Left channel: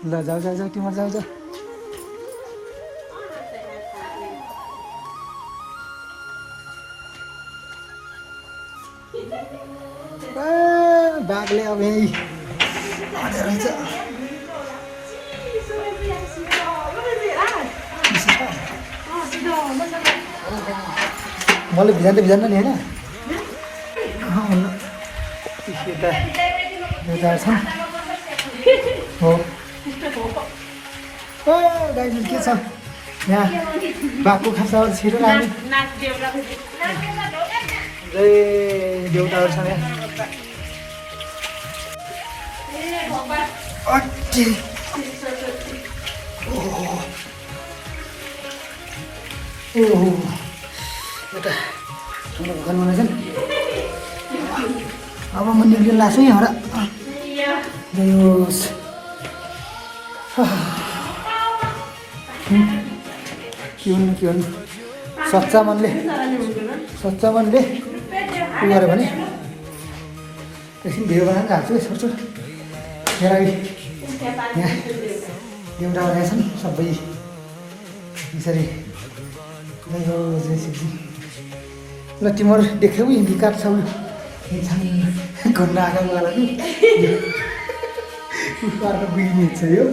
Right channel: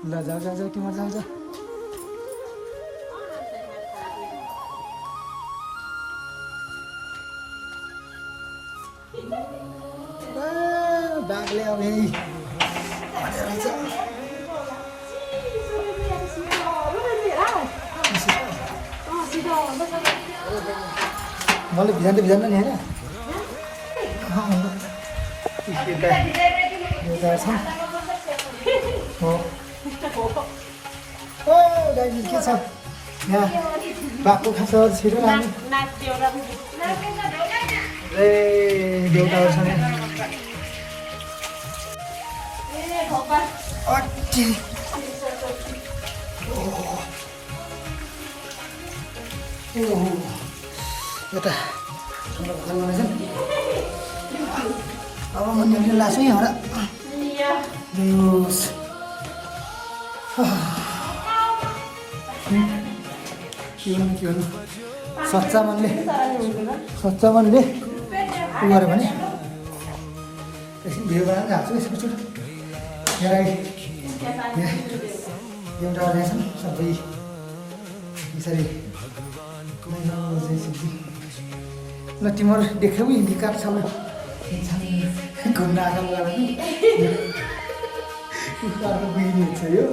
ल जाऊ जाऊ जाऊ तिम्रो जाऊ जाऊ बाघले अब रहेछ मैले भिजान्दैन नि होइन हो दाइजी के छ यहाँ बाघको खान्छ छिटो राम्रो देउताहरू छ एउटा ठन्डा भोकान बनाएछन् अब म निक्लिन लाग्छु यहाँबाट के भन्नु सच्चा मनले उयो गऱ्यो भने एकछिन भिडियो बनाएर हाल्छु है छोटो यहाँ एउटा बनाएछन् सबै यसरी ल तिमीहरू देख्यौ हिन्दी काट्छ घुम्न आएको बिग्रिन्छ यो